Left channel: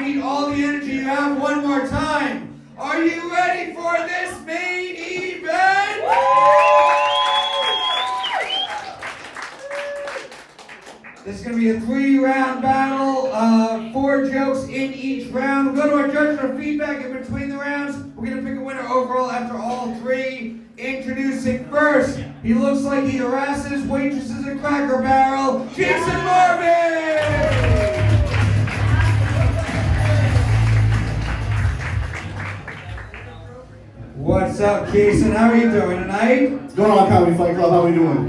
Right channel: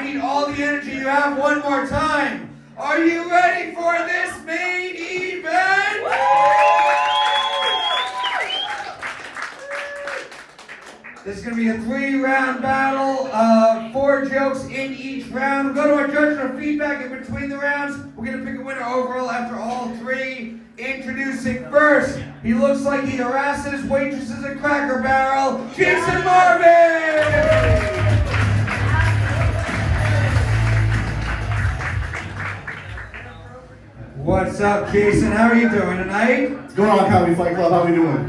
I need all the energy you have one more time. Are you ready for this main event? This is going to be a 3-round battle, 4 jokes in each round. We'll go to our judge for feedback in between the rounds. We're going to pick a winner overall after all 3. Introducing first, he looks like he harasses waitresses at Cracker Barrel, Jason Marby! What's up, Jason? How are you doing tonight? What's going on, Comedy Fight Club? How are we doing?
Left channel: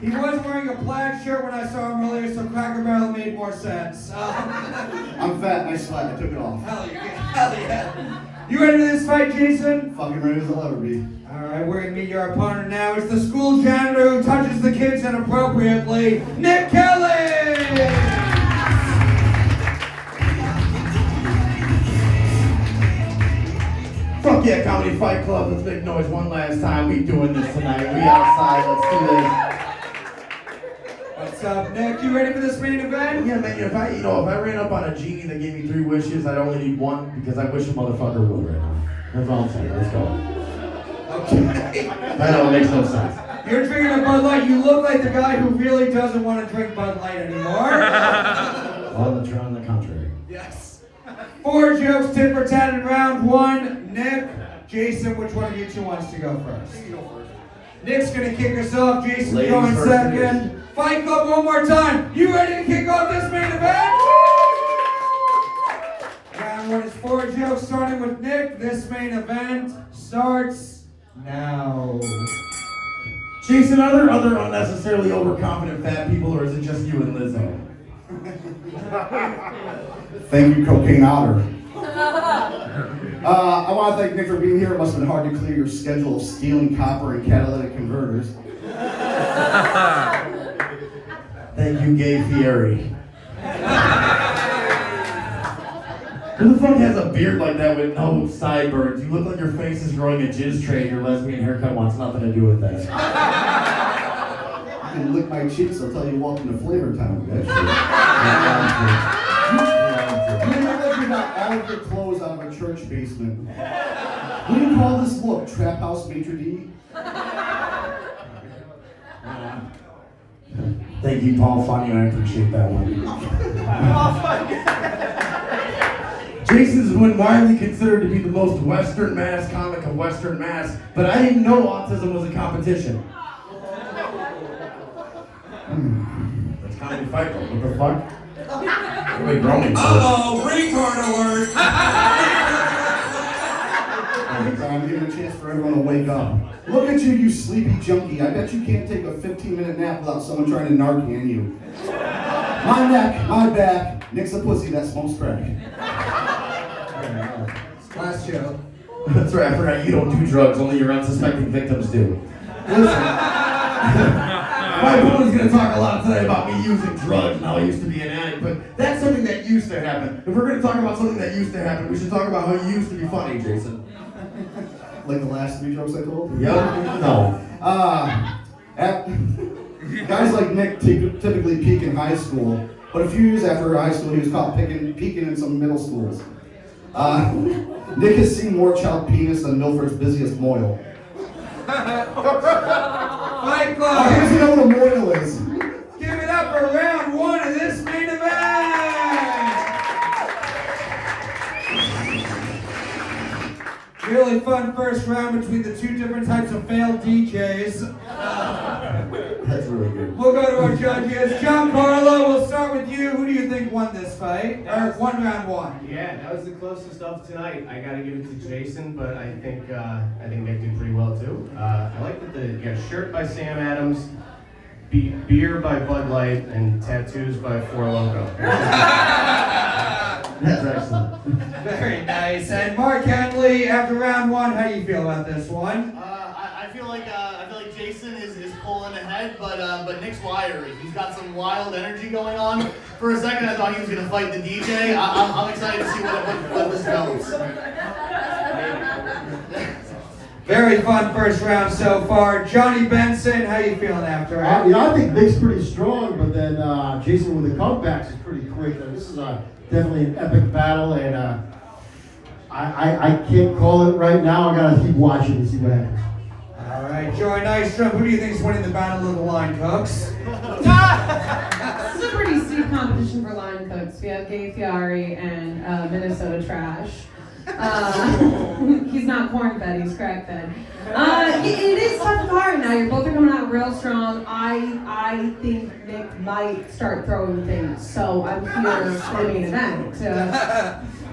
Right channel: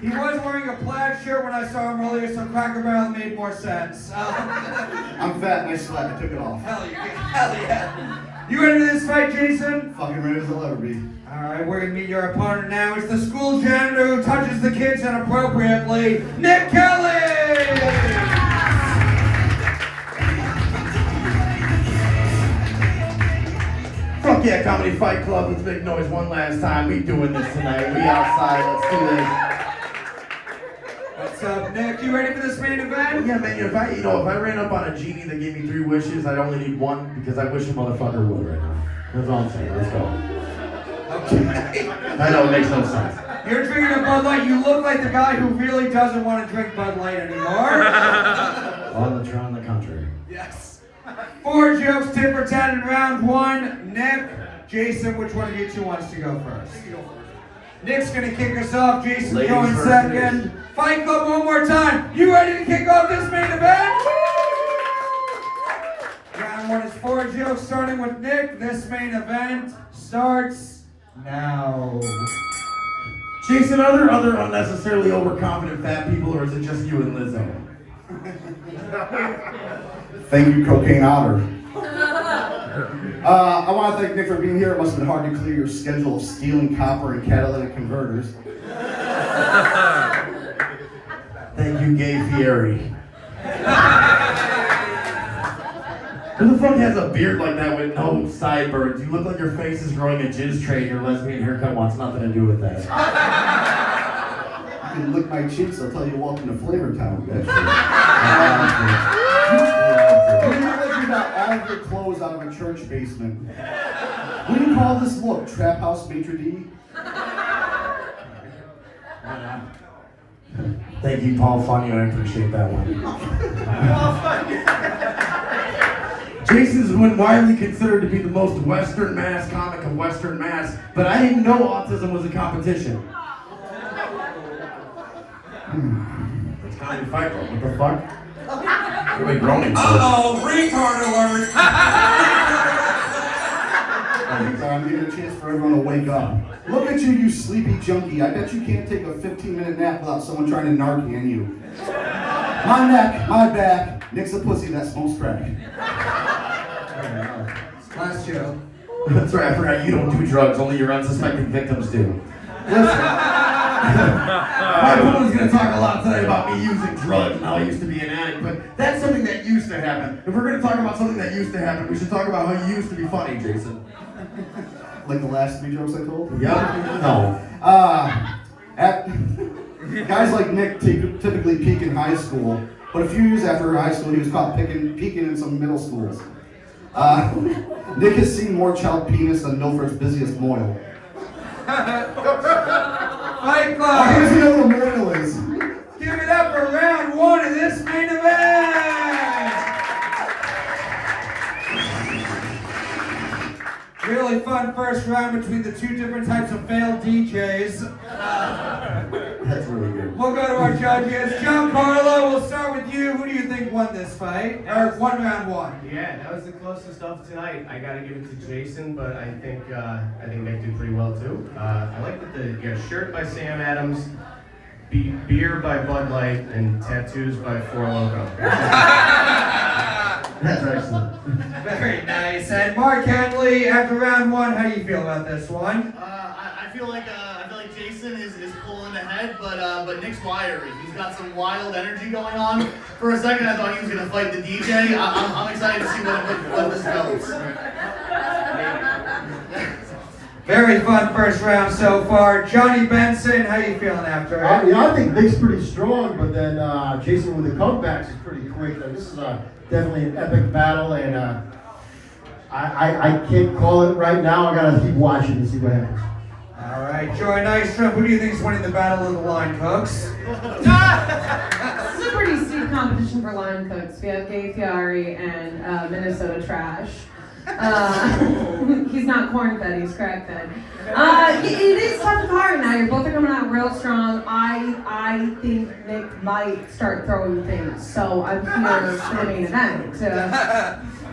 He was wearing a plaid shirt when I saw him earlier, so Cracker Barrel made more sense. I'm fat and I slap. I took it off. Hell yeah. You ready for this fight, Jason? Fucking ready as I'll ever be. Alright, we're gonna meet your opponent now. It's the school janitor who touches the kids inappropriately, Nick Kelly! Fuck yeah, Comedy Fight Club. Let's make noise one last time. We doing this tonight. We outside. Let's do this. What's up, Nick? You ready for this main event? Yeah, man. If I ran up on a genie that gave me 3 wishes, I'd only need 1 because I wish a motherfucker would right now. That's all I'm saying. Let's go. Okay. I know it makes no sense. You're drinking a Bud Light. You look like the guy who really doesn't want to drink Bud Light anymore. On the contrary. Yes. 4 jokes, tit for tat in round 1. Nick, Jason, which one of you two wants to go first? You go first. Nick's gonna kick us off. Jason going second. Fight Club one more time. You ready to kick off this main event? Round 1 is 4 jokes, starting with Nick. This main event starts now. Jason, are there other unnecessarily overconfident fat people, or is it just you and Lizzo? Thank you, Cocaine Otter. I want to thank Nick for being here. It must have been hard to clear your schedule of stealing copper and catalytic converters. Thank you, Gay Fieri. Who the fuck has a beard like that with no sideburns? You look like your face is growing a jizz tray and your lesbian haircut wants nothing to do with that. You can lick my cheeks. I'll tell you, welcome to Flavor Town. You look like you got all of your clothes out of a church basement. What do you call this look? Trap House Maitre D'? Thank you, Paul Funny. I appreciate that one. Jason's been widely considered to be the most Western Mass comic of Western Mass, but I didn't know autism was a competition. That's Comedy Fight Club. What the fuck? What are we groaning for? Uh-oh, retard alert! I'm giving a chance for everyone to wake up. Look at you, you sleepy junkie. I bet you can't take a 15-minute nap without someone trying to Narcan you. My neck, my back. Nick's a pussy that smokes crack. Last joke. That's right, I forgot you don't do drugs, only your unsuspecting victims do. Listen, my opponent's gonna talk a lot today about me using drugs and how I used to be an addict, but that's something that used to happen. If we're gonna talk about something that used to happen, we should talk about how you used to be funny, Jason. Like the last 3 jokes I told? Yep. No. Guys like Nick typically peak in high school, but a few years after high school, he was caught peeking in some middle schools. Nick has seen more child penis than Milford's busiest moil. Fight Club! How does he know what a moil is? Give it up for round 1 of this main event! Really fun first round between the 2 different types of failed DJs. That's really good. We'll go to our judges. Giancarlo, we'll start with you. Who do you think won this fight? Or won round 1? Yeah, that was the closest of tonight. I gotta give it to Jason, but I think Nick did pretty well too. I like that you got a shirt by Sam Adams, beer by Bud Light, and tattoos by Four Loko. That's excellent. Very nice. And Mark Henely, after round 1, how do you feel about this one? I feel like Jason is pulling ahead, but Nick's wiry. He's got some wild energy going on. For a second, I thought he was gonna fight the DJ. I'm excited to see what this goes. Very fun first round so far. Jonny Benson, how you feeling after it? I think Nick's pretty strong, but then Jason with the comebacks is pretty quick. This is definitely an epic battle, and I can't call it right now. I gotta keep watching and see what happens. All right, Joey Nystrom, who do you think is winning the battle of the line cooks? This is a pretty steep competition for line cooks. We have Gay Fieri and Minnesota Trash. He's not corn fed, he's crack fed. It is tough to hard now. You're both are coming out real strong. I think Nick might start throwing things, so I'm here for the main event.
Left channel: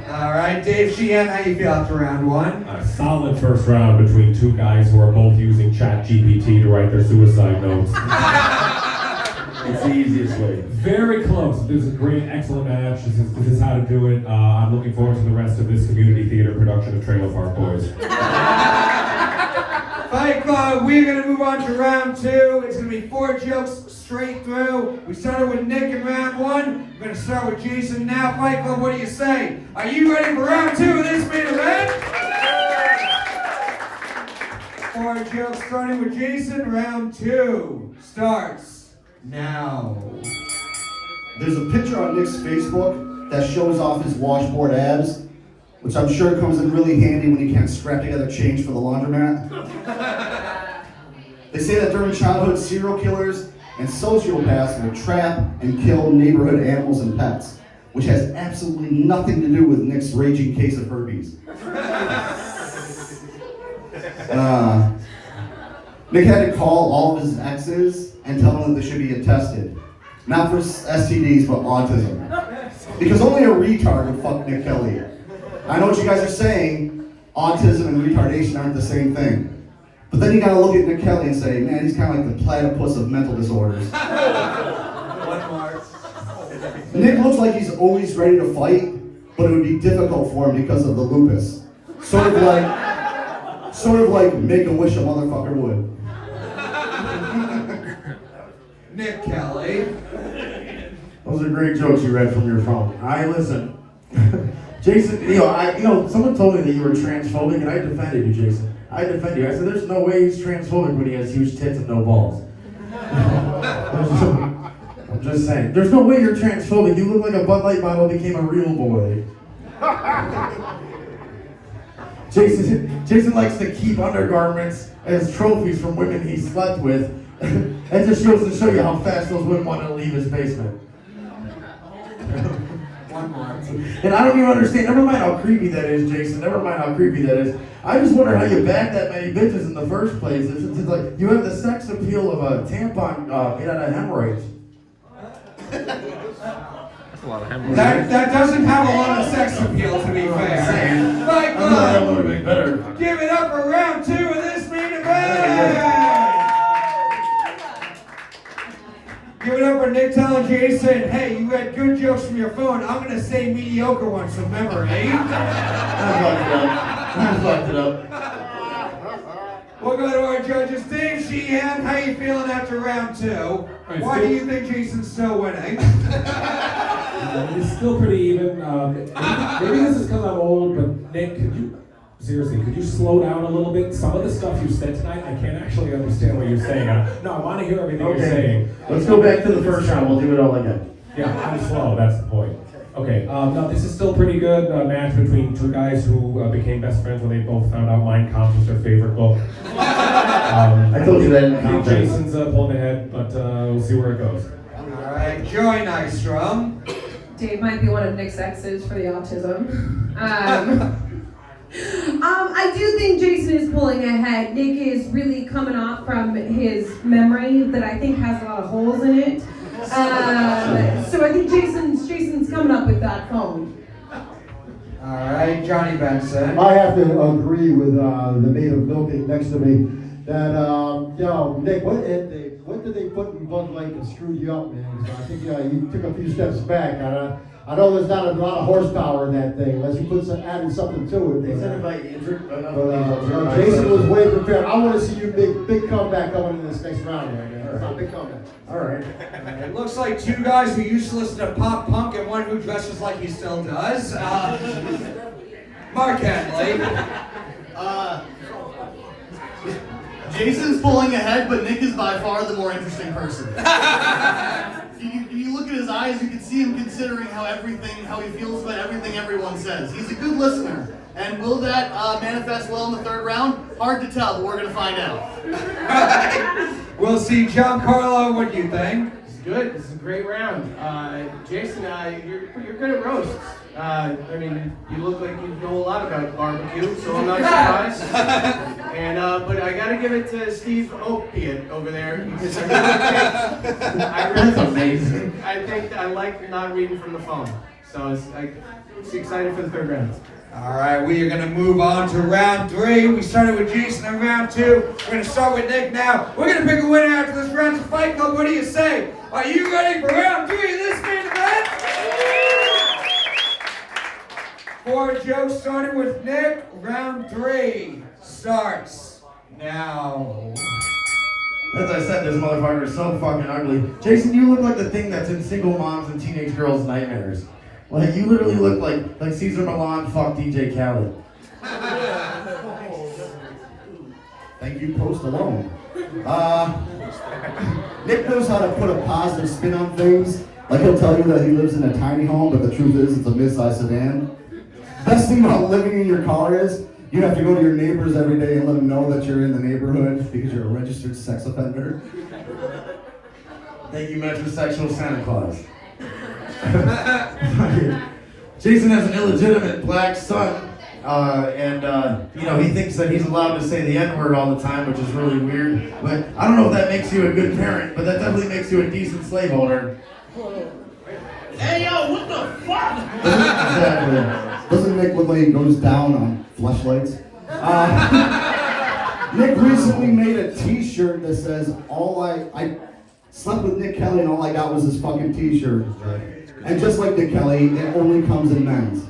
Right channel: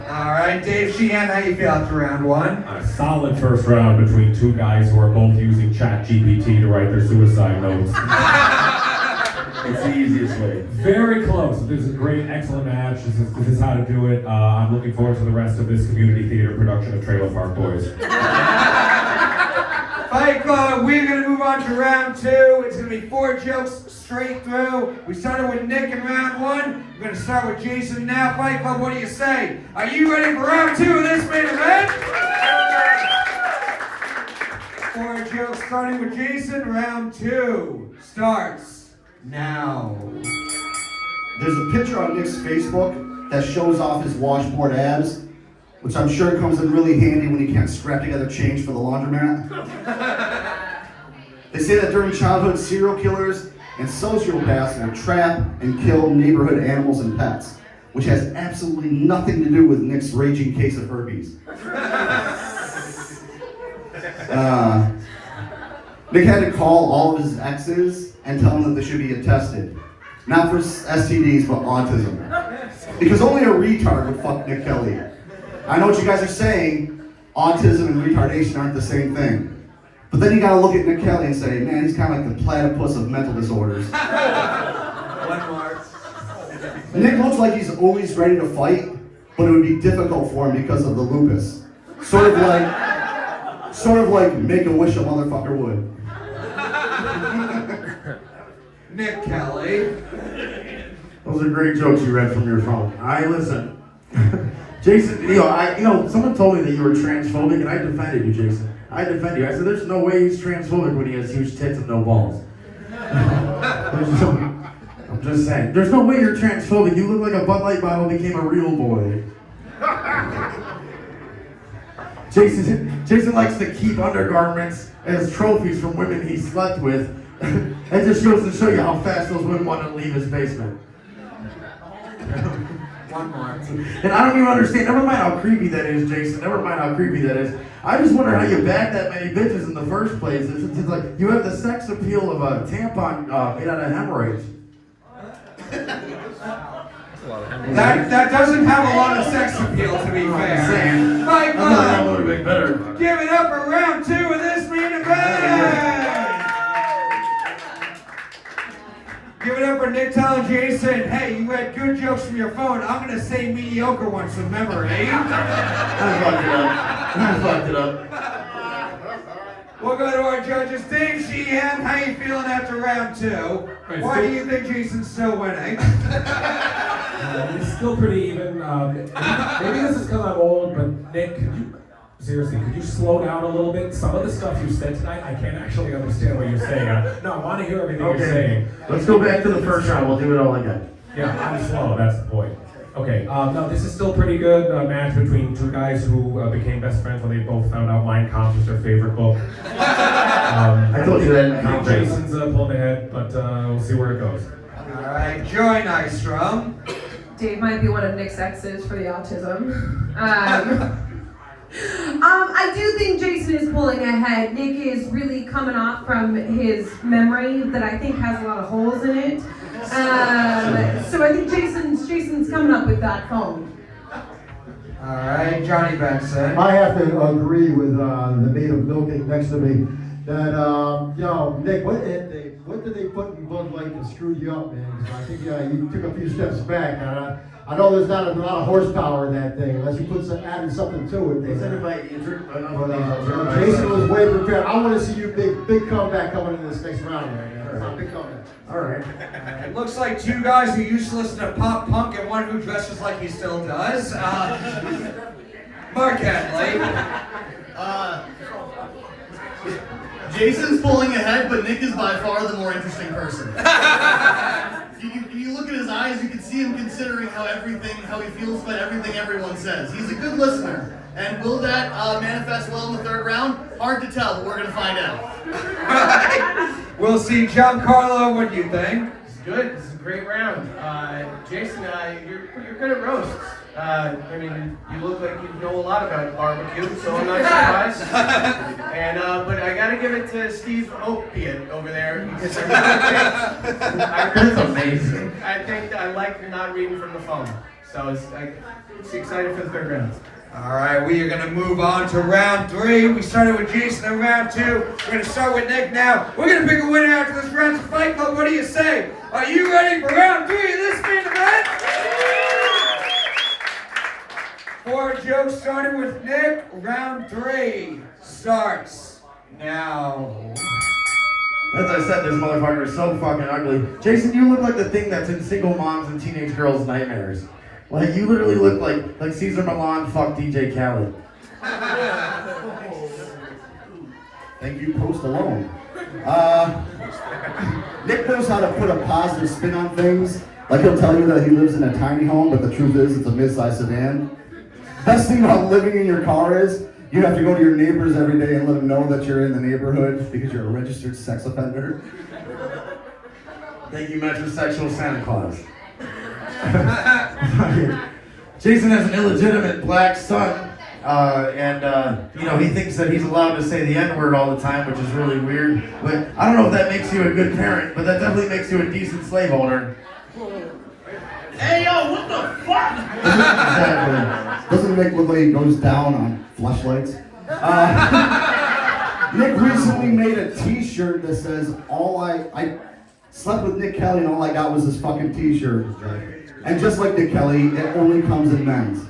All right, Dave Sheehan, how you feel after round one? A solid first round between two guys who are both using ChatGPT to write their suicide notes. It's the easiest way. Very close. This is a great, excellent match. This is how to do it. I'm looking forward to the rest of this community theater production of Trailer Park Boys. Fight Club, we're going to move on to round two. It's going to be 4 jokes straight through. We started with Nick in round one. We're going to start with Jason now. Fight Club, what do you say? Are you ready for round two of this main event? 4 jokes starting with Jason. Round 2 starts now. There's a picture on Nick's Facebook that shows off his washboard abs, which I'm sure comes in really handy when he can't scrap together change for the laundromat. They say that during childhood, serial killers and sociopaths will trap and kill neighborhood animals and pets, which has absolutely nothing to do with Nick's raging case of herpes. Nick had to call all of his exes and tell them that they should be tested. Not for STDs, but autism. Because only a retard would fuck Nick Kelly. I know what you guys are saying, autism and retardation aren't the same thing. But then you gotta look at Nick Kelly and say, man, he's kind of like the platypus of mental disorders. Nick looks like he's always ready to fight, but it would be difficult for him because of the lupus. Sort of like Make-A-Wish a motherfucker would. Nick Kelly. Those are great jokes you read from your phone. I listen. Jason, someone told me that you were transphobic, and I defended you, Jason. I defended you. I said, there's no way he's transphobic when he has huge tits and no balls. I'm just saying. There's no way you're transphobic. You look like a Bud Light bottle became a real boy. Jason likes to keep undergarments as trophies from women he slept with. That just goes to show you how fast those women want to leave his basement. One more. And I don't even understand. Never mind how creepy that is, Jason. Never mind how creepy that is. I just wonder how you back that many bitches in the first place. It's like you have the sex appeal of a tampon made out of hemorrhoids. That doesn't have a lot of sex appeal, to be fair. Fight Club, give it up for round 2 of this main event. Give it up for Nick telling Jason, hey, you had good jokes from your phone. I'm going to say mediocre ones from memory. I fucked it up. We'll go to our judges. Dave Sheehan, how you feeling after round 2? Why do you think Jason's still winning? It's still pretty even. Maybe this is because I'm old, but Nick, could you slow down a little bit? Some of the stuff you said tonight, I can't actually understand what you're saying. No, I want to hear everything you're saying. Let's go back to the first round. We'll do it all again. Yeah, I'm slow. That's the point. Okay, no, this is still pretty good match between two guys who became best friends when they both found out Mein Kampf was their favorite book. I told you that. I think Jason's pulling ahead, but we'll see where it goes. All right, Joy Nystrom. Dave might be one of Nick's exes for the autism. I do think Jason is pulling ahead. Nick is really coming off from his memory that I think has a lot of holes in it. So I think Jason's coming up with that phone. All right, Jonny Benson. I have to agree with the maid of milking next to me that, Nick, what did they put in Bud Light that screwed you up, man? 'Cause I think you took a few steps back. I know there's not a lot of horsepower in that thing, unless you added something to it. They said if I injured Jason was way prepared. I want to see you big comeback coming in this next round, man. Big comeback. All right. It looks like 2 guys who used to listen to pop punk and one who dresses like he still does. Mark Henely. Jason's pulling ahead, but Nick is by far the more interesting person. If you look at his eyes, eyes, you can see him considering how he feels about everything everyone says. He's a good listener. And will that manifest well in the third round? Hard to tell, but we're going to find out. We'll see. Giancarlo, what do you think? It's good. This is a great round. Jason, you're good at roasts. I mean, you look like you know a lot about barbecue, so I'm not surprised. And but I gotta give it to Steve Opiate over there because That's amazing. I think I like not reading from the phone. So it's excited for the third round. All right, we are going to move on to round 3. We started with Jason in round 2. We're going to start with Nick now. We're going to pick a winner after this round's Fight Club. What do you say? Are you ready for round 3 of this main event? 4 jokes starting with Nick. Round 3 starts now. As I said, this motherfucker is so fucking ugly. Jason, you look like the thing that's in single moms and teenage girls' nightmares. Like, you literally look like Caesar Milan fucked DJ Khaled. Thank you, Post Alone. Nick knows how to put a positive spin on things. Like, he'll tell you that he lives in a tiny home, but the truth is it's a mid-sized sedan. Best thing about living in your car is you have to go to your neighbors every day and let them know that you're in the neighborhood because you're a registered sex offender. Thank you, metrosexual Santa Claus. Jason has an illegitimate black son, and he thinks that he's allowed to say the N-word all the time, which is really weird. But I don't know if that makes you a good parent, but that definitely makes you a decent slave owner. Hey, yo, what the fuck? Exactly. Doesn't Nick look like he goes down on fleshlights? Nick recently made a t-shirt that says, I slept with Nick Kelly and all I got was this fucking t-shirt. And just like Nick Kelly, it only comes in men's.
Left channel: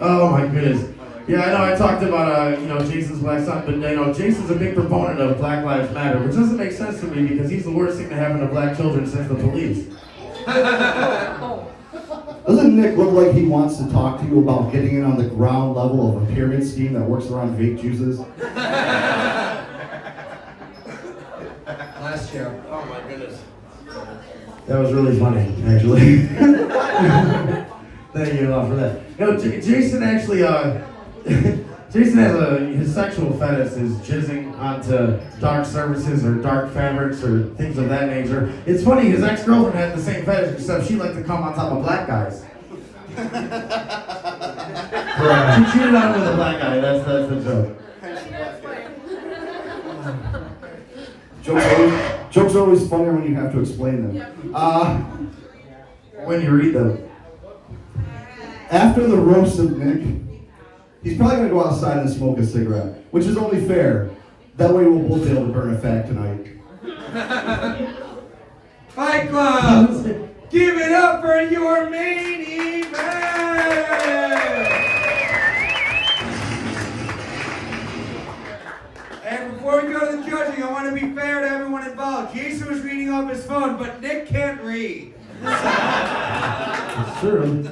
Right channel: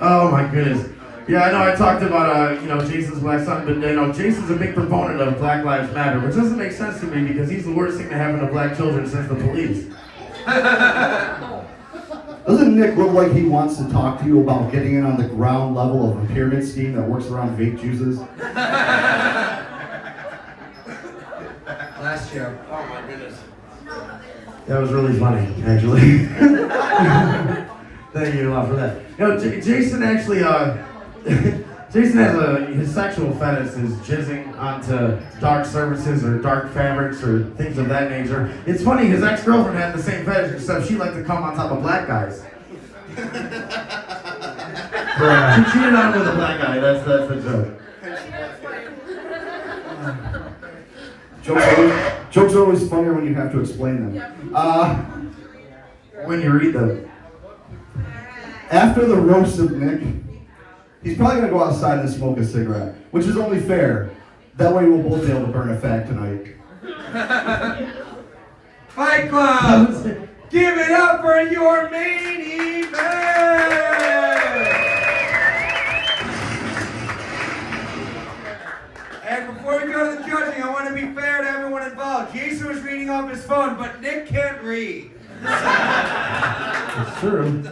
Oh my goodness. Yeah, I know I talked about, Jason's black son, but, Jason's a big proponent of Black Lives Matter, which doesn't make sense to me because he's the worst thing to happen to black children since the police. Doesn't Nick look like he wants to talk to you about getting in on the ground level of a pyramid scheme that works around vape juices? Last joke. Oh my goodness. That was really funny, actually. Thank you a lot for that. Jason actually, Jason has his sexual fetish is jizzing onto dark surfaces or dark fabrics or things of that nature. It's funny, his ex-girlfriend had the same fetish, except she liked to come on top of black guys. She cheated on him with a black guy, that's the joke. Jokes are always funnier when you have to explain them. When you read them. After the roast of Nick, he's probably going to go outside and smoke a cigarette, which is only fair. That way we'll both be able to burn a fag tonight. Fight Club! Give it up for your main event! And before we go to the judging, I want to be fair to everyone involved. Jason was reading off his phone, but Nick can't read. It's true.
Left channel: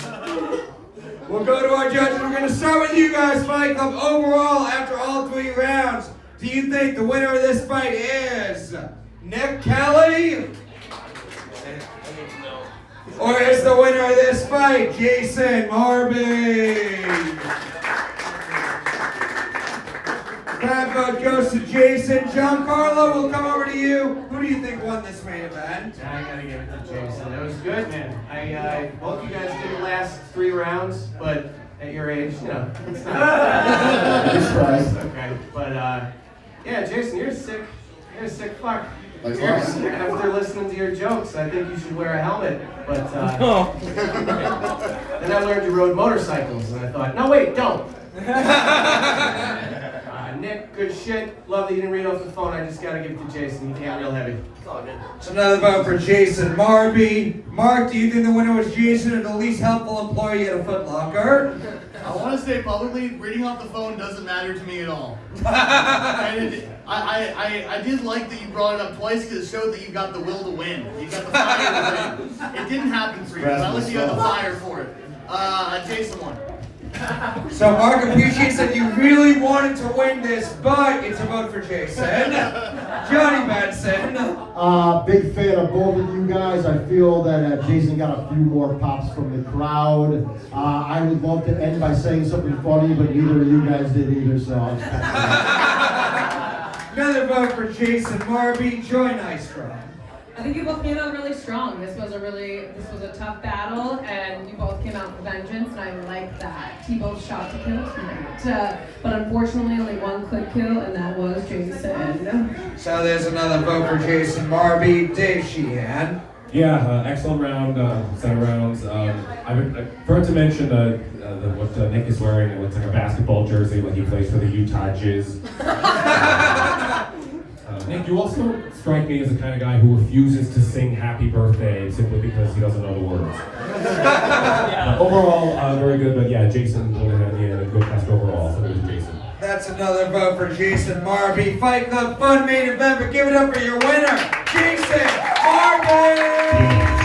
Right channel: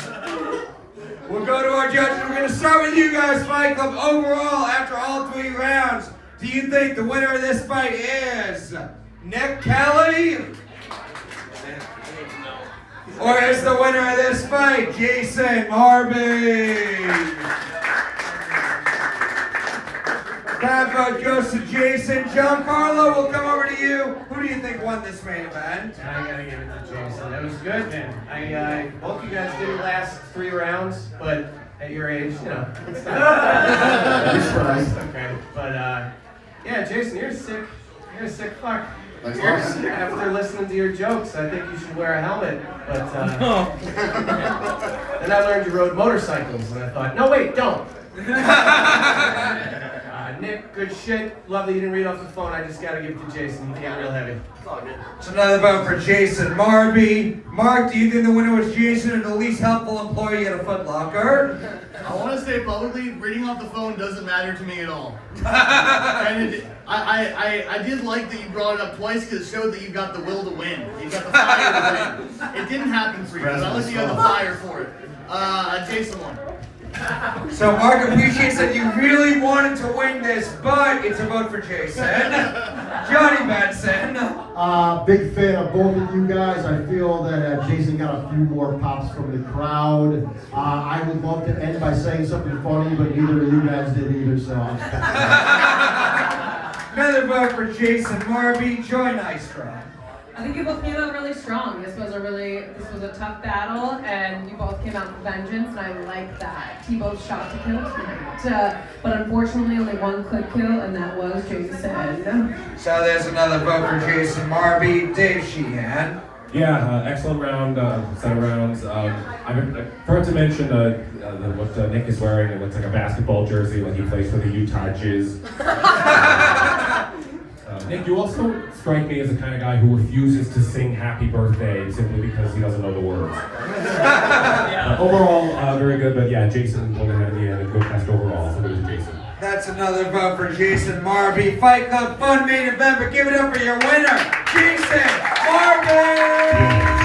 We'll go to our judges. We're going to start with you guys, Fight Club. Overall, after all 3 rounds, do you think the winner of this fight is Nick Kelly? Or is the winner of this fight Jason Marby? That vote goes to Jason. Giancarlo, we'll come over to you. Who do you think won this main event? I gotta give it to Jason. That was good, man. Both you guys didn't last 3 rounds, but at your age, it's not. Okay, but yeah, Jason, you're sick. You're a sick fuck. After listening to your jokes, I think you should wear a helmet. But then I learned you rode motorcycles, and I thought, no, wait, don't. Nick, good shit. Love that you didn't read off the phone. I just gotta give it to Jason. He got real heavy. It's all good. So another vote for Jason Marby. Mark, do you think the winner was Jason or the least helpful employee at a Foot Locker? I want to say publicly, reading off the phone doesn't matter to me at all. And I did like that you brought it up twice because it showed that you got the will to win. You got the fire to win. It didn't happen for you, but I like that you had the fire for it. Jason won. So Mark appreciates that you really wanted to win this, but it's a vote for Jason. Jonny Benson. of both of you guys. I feel that Jason got a few more pops from the crowd. I would love to end by saying something funny, but neither of you guys did either, so I'll just Another vote for Jason Marby. Joy Nystrom. I think you both came out really strong. This was a tough battle, and you both came out with vengeance, and I like that. You both shot to kill tonight, but unfortunately only one could kill, and that was Jason. So there's another vote for Jason Marby. Dave Sheehan. Yeah, excellent round, set of rounds. I forgot to mention what Nick is wearing. It looks like a basketball jersey when he plays for the Utah Jizz. Nick, you also strike me as the kind of guy who refuses to sing Happy Birthday simply because he doesn't know the words. Overall, very good, but yeah, Jason went ahead in the end, a good cast overall, so it was Jason. That's another vote for Jason Marby. Fight Club Fun main event, but give it up for your winner, Jason Marby!